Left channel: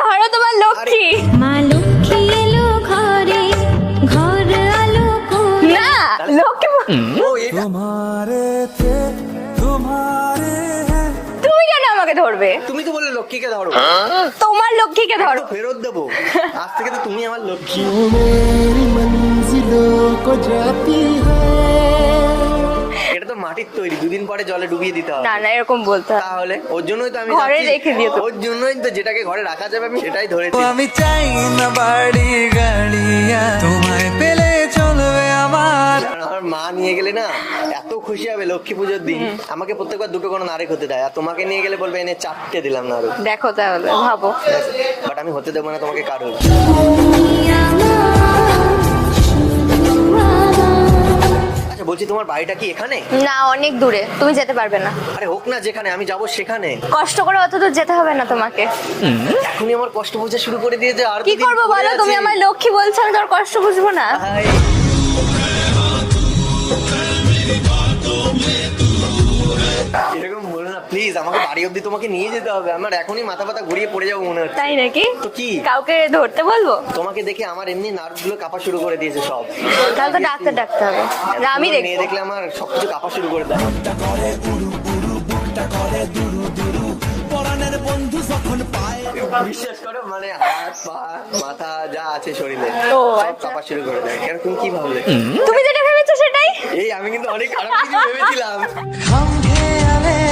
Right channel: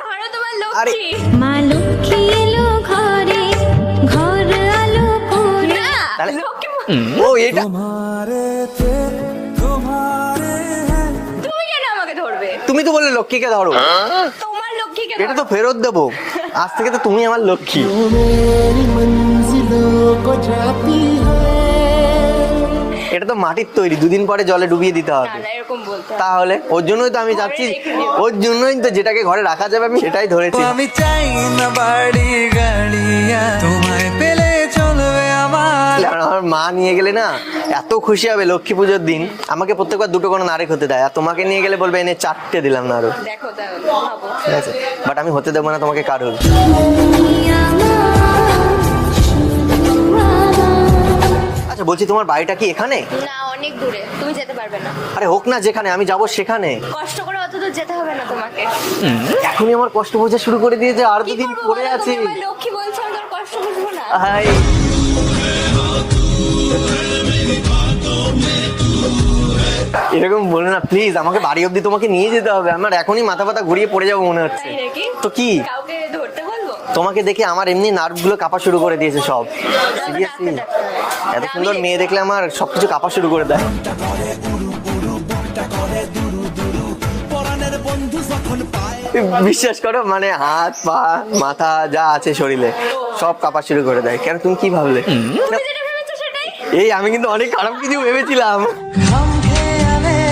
ধরো তোমার লক্ষ্মী। মা লক্ষ্মী এলো ঘরে, ঘর আলো করে। না লক্ষ্মী ও এটা তুমি কেন আমাকে ধরবে? তুমি তো বললে লক্ষ্মীকে ধরো। তোমার লক্ষ্মীকে এটা ধরো। তো ফেরত দেবো। আজ থেকে তো তুমি আমার লক্ষ্মী। मेरी मंजिलों को जाती है। এটা তো মাটির তৈরি, দুদিন পরে জলে ডুবিয়ে দিতে হবে। না না এরকম বলতে হয়। তাহলে ওর জন্যই তো আমি ঘরে যাচ্ছি, রেখে দিও তো। ওর জন্যই তো যেটাকে ঘরে রাখা যাবে আমি সেটাই ধরেছি। আমি চাই না বাড়ি গাড়িয়া, তোমায় পেলে চলবে আমার। আর আমার মা নিয়ে গেলে না এত খুশি হবে লক্ষ্মী পুজোর দিন, আমাকে প্রত্যেকবার দুটো করে নাড়ি হতে দেয়, আর তোমাকে নিয়ে গেলে বলবে এনে 4টে দিলাম না আরো। দেখো তাহলে ভাবো। বাট আমি হতে দেবো না তোমাকে কারোর। আচ্ছা বলছি তোমার বাড়িটা কি এখানে? না অনেক দূরে, তুমি যেতে পারবে না। আরে হোক না, যেখানে আমি যাবো সেখানে। কষ্ট করে অত দূর যেতে হবে না তোমাকে। এখনই আমার কষ্ট বোঝা শুরু করে দিয়েছে, আর কি করবো বলো, তুমি আমার লক্ষ্মী বলছো, আমি তোর কষ্ট বুঝবো না। এরকম বলো না প্লিজ, আমাকে বাড়ি অব্দি তোমাকে নিয়ে যেতে হবে, আমার এখনই মাথা ব্যথা ঘুরিয়ে পড়ে যাবো মনে হচ্ছে। তাই নাকি? তো কি? কাউকে ধরতে বলবো? তোমাকে দেখে আমার এমনি নার্ভ গুলো কাঁপা শুরু করে দিয়েছে সব। তাহলে ডাক্তার ডাকতে হবে। এত আমি সুন্দর দেখবো। মেয়ে দেখলে আমার সবকিছু কাঁপা শুরু করে দেয়। বিশ্বাস করো মানে হাত পা মাথা যা আছে শরীরে সব কাঁপা শুরু করে দেয়। কেন তুমি কি ভাবলে? তুমি যেটা ভেবেছো সেটাই। এই আমি কিন্তু অনেক খারাপ কিছু ভেবেছিলাম। हम खेले